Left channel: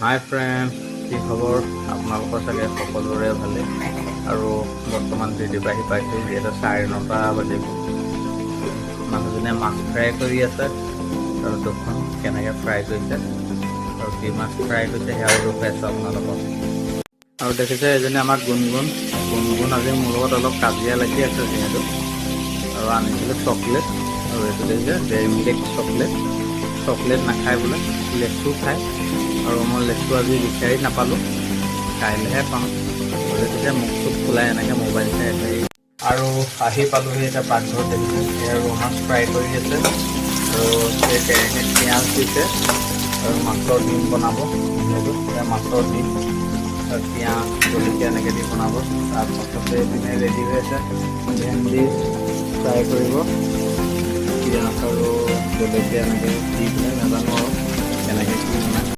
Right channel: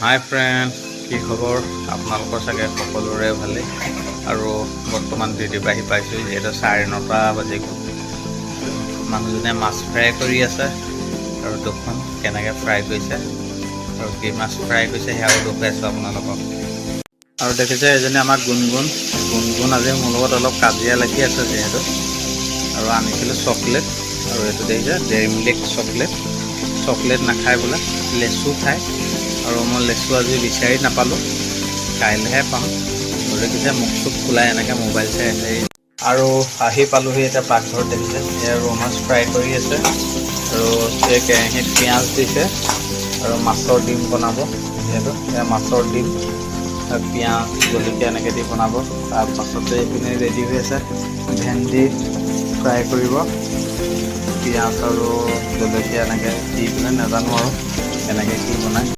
হাই friend, কি খবৰ? আপোনালোকৰ চাগে সকলোৰে ভালেই। আৰু বৰ্তমান ডিউটিৰ পৰা আহি পাইছোঁ, যিহেতু 9:30 বাজি গ'ল। মানুহজনে মাছ ফ্ৰাই কৰি আছে আৰু দেখোন কেনেকৈ ফ্ৰাই কৰিছে আৰু কি মাছ ফ্ৰাই কৰিছে সেয়াও দেখুৱাইছোঁ আপোনালোকক। আৰু দেখিছে এজনী আমাৰ গুণগুণ আজি মোৰ লগত অলপ কাজিয়া লাগি আছে যিহেতু। আৰু আনিছিলোঁ চকলেট, আৰু এইটো দেখিছে ডেইৰী মিল্ক চকলেট নাখায় বোলে, লেচু খায়। আৰু মই লেচু আজি বিচাৰি নাপালোঁ, কাইলৈহে পাম। দেখিছে মুখ চুখ ফুলাই এনেকৈ মোবাইল চাই আছে। আৰু আহি পালোঁহি এতিয়া পাকঘৰত। দেখিছে এয়া ৰৌ মাছ ফ্ৰাই কৰি আছে আৰু এই কেৰাহীত পিঁয়াজ দিছে আৰু মাছৰ ডিম বনাব। যিহেতু এয়া মাছৰ ডিম আৰু পিঁয়াজ জলকীয়া এনেকৈ দি বনাব। তাৰপাছতে এইপিনে ৰেডি হৈ আছে ভেন্দি ফ্ৰাই কৰিব, পিঁয়াজ আৰু জলকীয়া এনেকৈ দি পেলাই, নাজানো আৰু কেনেকৈ কি বনায়।